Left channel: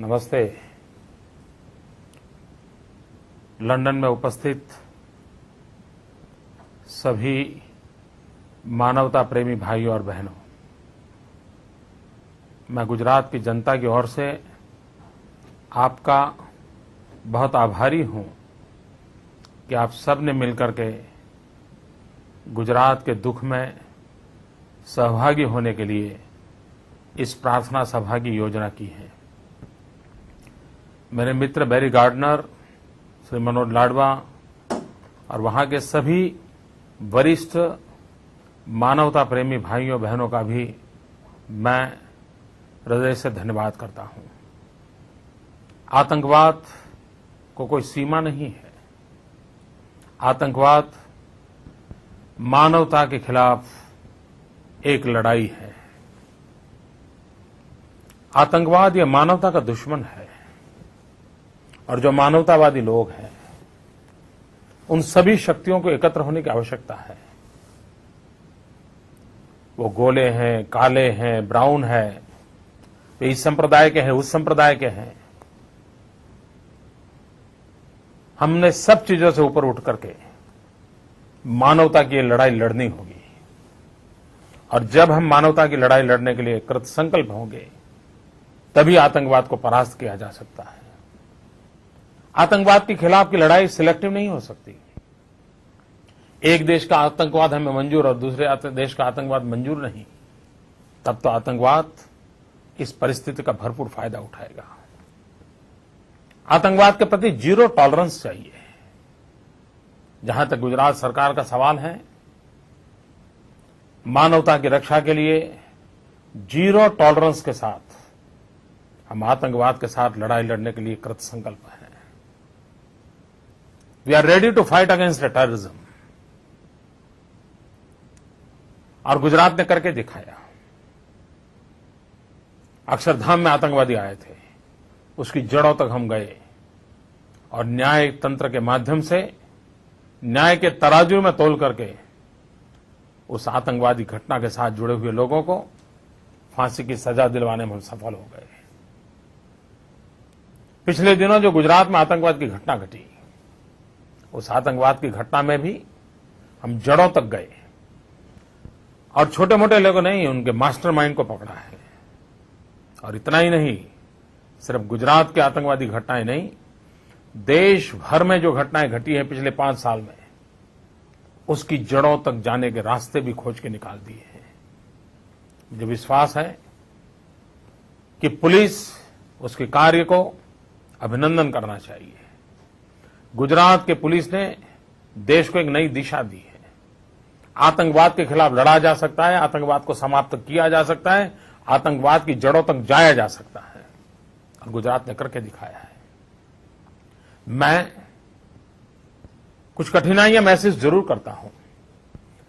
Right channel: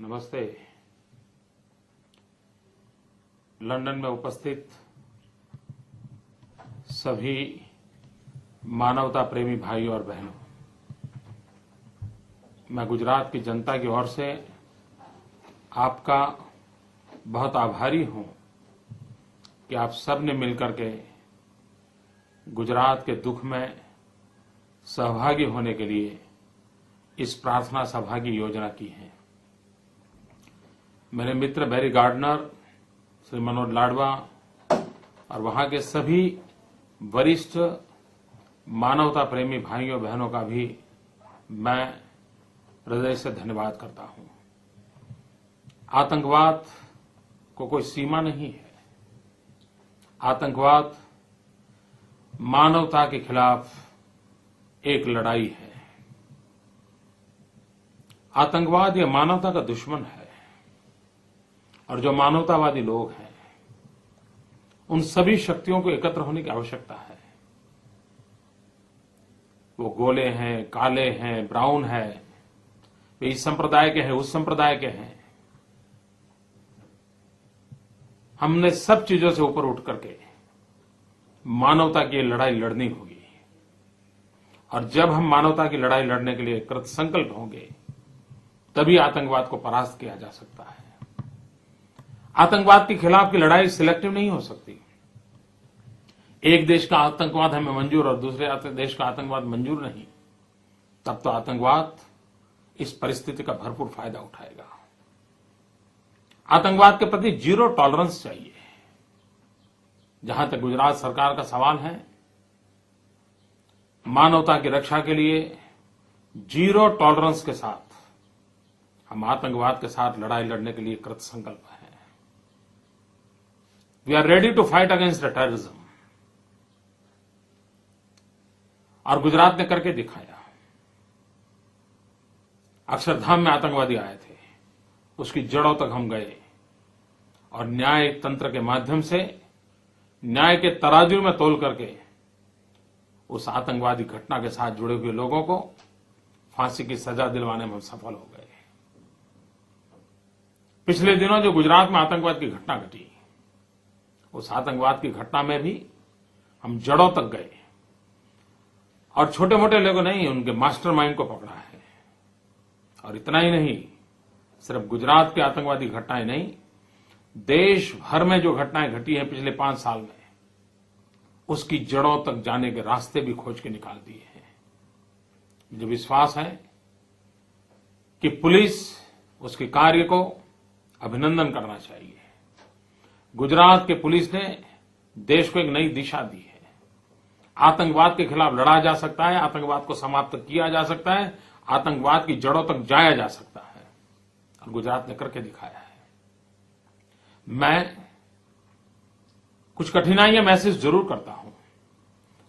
नमस्ते। लंदन में उपस्थित सभी मानवता प्रेमी भाइयों और बहनों, मैं गुजरात की जनता की ओर से आपका बहुत आभारी हूं कि आप सब ने मिलकर के गुजरात के दुख में सहभागी होने के लिए इस प्रार्थना सभा की योजना की है। मेरे मित्र बैरी गार्डनर, श्री मनोज लाडवा और वहां के सभी वरिष्ठ मानवता प्रेमी भाइयों बहनों का भी मैं हृदय से धन्यवाद करता हूं। आतंकवाद को कोई सीमा नहीं है। आतंकवाद मानवता के खिलाफ एक लड़ाई है। आतंकवाद ये मानवता का दुश्मन है और जो मानवतावादी लोग हैं उन सभी शक्तियों को एकत्र होने की आवश्यकता है। वो गोले हैं, काले हैं, ब्राउन है, वे इस संप्रदाय के हैं, उस संप्रदाय के हैं। हमने सब चीजों से ऊपर उठ करके मानवता की लड़ाई लड़नी होगी और जब हम मानवता की लड़ाई लड़ने के लिए कृत संकल्प होंगे तभी आतंकवाद को परास्त किया जा सकता है। आतंकवाद के खिलाफ की लड़ाई सिलेक्टिव नहीं हो सकती। एक देश का आतंकवाद हमें मंजूर और दूसरे देश का आतंकवाद मंजूर नहीं, तब तो आतंकवाद इस परिस्थिति का भरपूर फायदा उठाएगा। आतंकवाद के प्रति जीरो टॉलरेंस चाहिए। जहां तक गुजरात सरकार का सवाल है, मानवता की रक्षा के लिए जीरो टॉलरेंस के साथ हम आतंकवाद के साथ लड़ाई लड़ने के लिए कृत संकल्प हैं। We are ready to fight against terrorism. और गुजरात ने करके दिखाया। अक्षरधाम में आतंकवादी आए थे, उसकी जड़ों तक हम गए और न्याय तंत्र के माध्यम से न्याय के तराजू में तोल करके उस आतंकवादी घटना के साथ जुड़े हुए लोगों को फांसी की सजा दिलवाने में हम सफल हो गए। पिछले दिनों जो गुजरात में आतंकवाद की घटना घटी, उस आतंकवाद की घटना में भी हम जड़ों तक गए और छोटे मोटे लोगों ने उनके मास्टरमाइंड को पकड़ा है। और इतना ही नहीं, सिर्फ गुजरात की आतंकवादी घटनाएं नहीं, देश भर में जो घटनाएं घटी हैं पिछले 5 साल में, उसकी जड़ों तक जाने के रास्ते भी खोज के निकाल दिए हैं। मुझे विश्वास है कि पुलिस उसके कार्य को अभिनंदन करना चाहिए। गुजरात के पुलिस ने देश को एक नई दिशा दी है। आतंकवाद के खिलाफ लड़ा जा सकता है, आतंकवाद को समाप्त किया जा सकता है, आतंकवाद की जड़ों तक जाया जा सकता है और गुजरात ने करके दिखाया है। मैं कुछ कठिनाइयां महसूस जरूर करता हूं।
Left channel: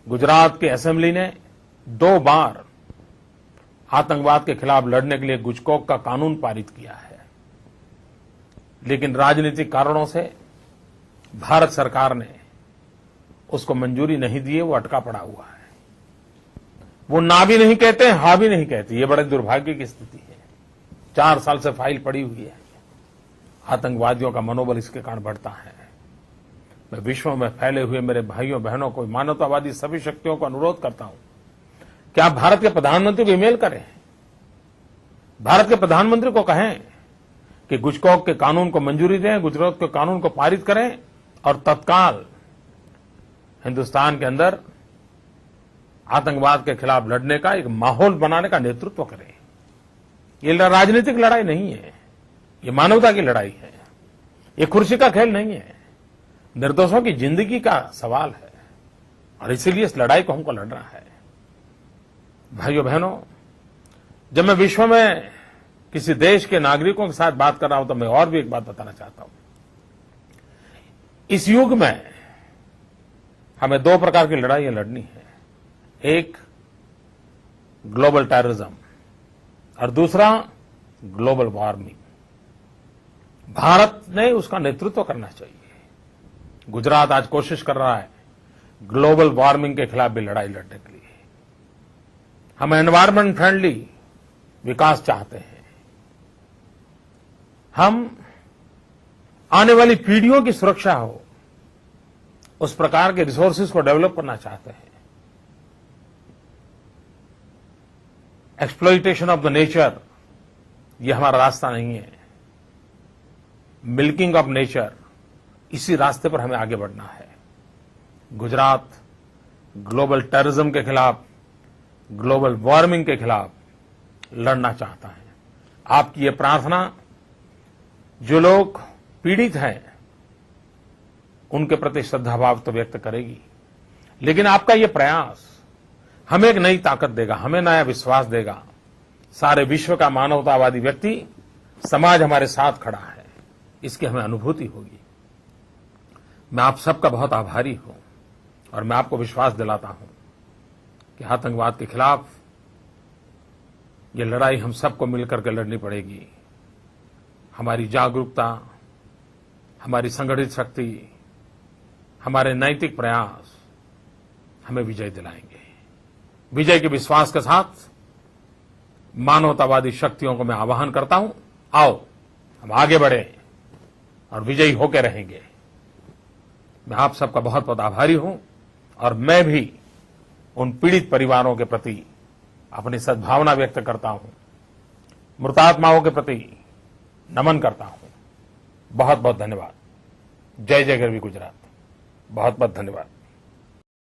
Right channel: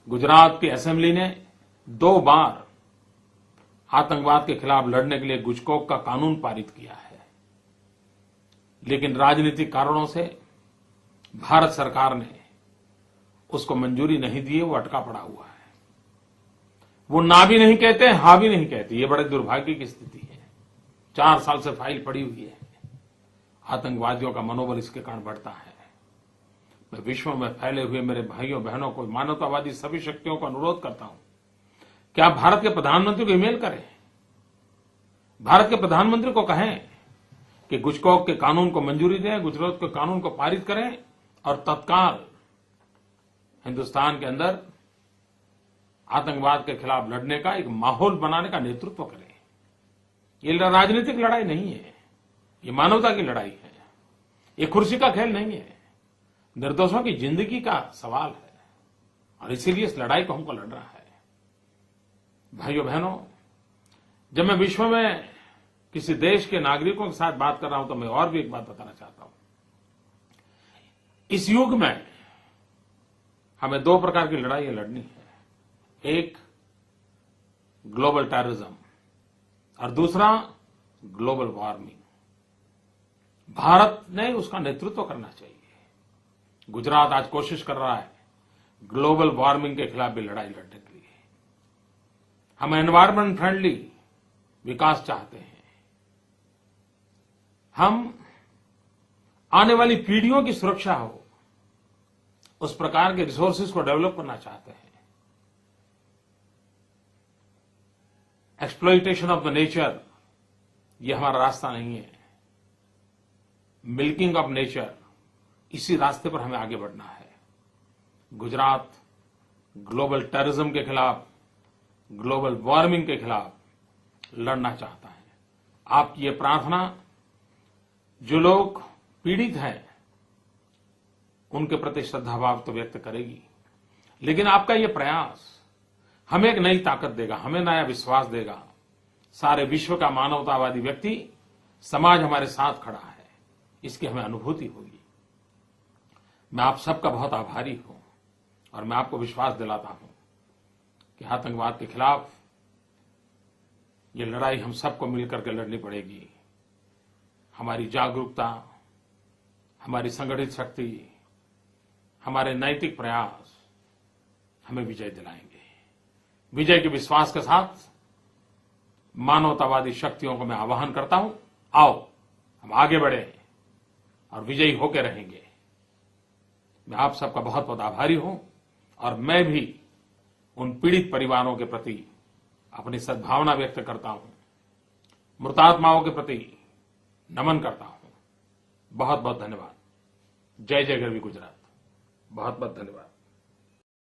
गुजरात की असेंबली ने 2 बार आतंकवाद के खिलाफ लड़ने के लिए गुजकोक का कानून पारित किया है, लेकिन राजनीतिक कारणों से भारत सरकार ने उसको मंजूरी नहीं दी है। वो अटका पड़ा हुआ है। वो ना भी नहीं कहते, हां भी नहीं कहते। ये बड़े दुर्भाग्य की स्थिति है। 4 साल से फाइल पड़ी हुई है। आतंकवादियों का मनोबल इसके कारण बढ़ता है। मैं विश्व में फैले हुए मेरे भाइयों बहनों को, मानवतावादी सभी शक्तियों को अनुरोध करता हूं कि आप भारत के प्रधानमंत्री को ईमेल करें। भारत के प्रधानमंत्री को कहें कि गुजकोक के कानून को मंजूरी दें, गुजरात के कानून को पारित करें और तत्काल हिंदुस्तान के अंदर आतंकवाद के खिलाफ लड़ने का एक माहौल बनाने का नेतृत्व करें। ये राजनीतिक लड़ाई नहीं है, ये मानवता की लड़ाई है। ये कुर्सी का खेल नहीं है, निर्दोषों की जिंदगी का सवाल है और इसीलिए इस लड़ाई को हमको लड़ना है। भाइयों बहनों, जब मैं विश्व में किसी देश के नागरिकों के साथ बात कर रहा हूं तो मैं और भी एक बात बताना चाहता हूं। इस युग में हमें 2 प्रकार की लड़ाइयां लड़नी है। एक ग्लोबल टेररिज्म और दूसरा ग्लोबल वार्मिंग। भारत ने उसका नेतृत्व करना चाहिए। गुजरात आज कोशिश कर रहा है ग्लोबल वार्मिंग के खिलाफ भी लड़ाई लड़ने के लिए। हम एनवायरमेंट फ्रेंडली विकास चाहते हैं। हम आने वाली पीढ़ियों की सुरक्षा हो, उस प्रकार के रिसोर्सेज को डेवलप करना चाहते हैं। एक्सप्लॉइटेशन ऑफ द नेचर, ये हमारा रास्ता नहीं है। मिल्किंग ऑफ नेचर, इसी रास्ते पर हमें आगे बढ़ना है। गुजरात ग्लोबल टेररिज्म के खिलाफ, ग्लोबल वार्मिंग के खिलाफ लड़ना चाहता है। आपकी ये प्रार्थना जो लोग पीड़ित हैं उनके प्रति श्रद्धाभाव तो व्यक्त करेगी, लेकिन आपका ये प्रयास हमें एक नई ताकत देगा, हमें नया विश्वास देगा। सारे विश्व का मानवतावादी व्यक्ति, समाज हमारे साथ खड़ा है, इसकी हमें अनुभूति होगी। मैं आप सबका बहुत आभारी हूं और मैं आपको विश्वास दिलाता हूं कि आतंकवाद के खिलाफ ये लड़ाई हम सबको मिलकर के लड़नी पड़ेगी। हमारी जागरूकता, हमारी संगठित शक्ति, हमारे नैतिक प्रयास हमें विजय दिलाएंगे। विजय के विश्वास के साथ मानवतावादी शक्तियों को मैं आह्वान करता हूं, आओ हम आगे बढ़ें और विजयी होकर रहेंगे। मैं आप सबका बहुत बहुत आभारी हूं और मैं भी उन पीड़ित परिवारों के प्रति अपनी सद्भावना व्यक्त करता हूं, मृतात्माओं के प्रति नमन करता हूं। बहुत बहुत धन्यवाद। जय जय गरवी गुजरात। बहुत बहुत धन्यवाद।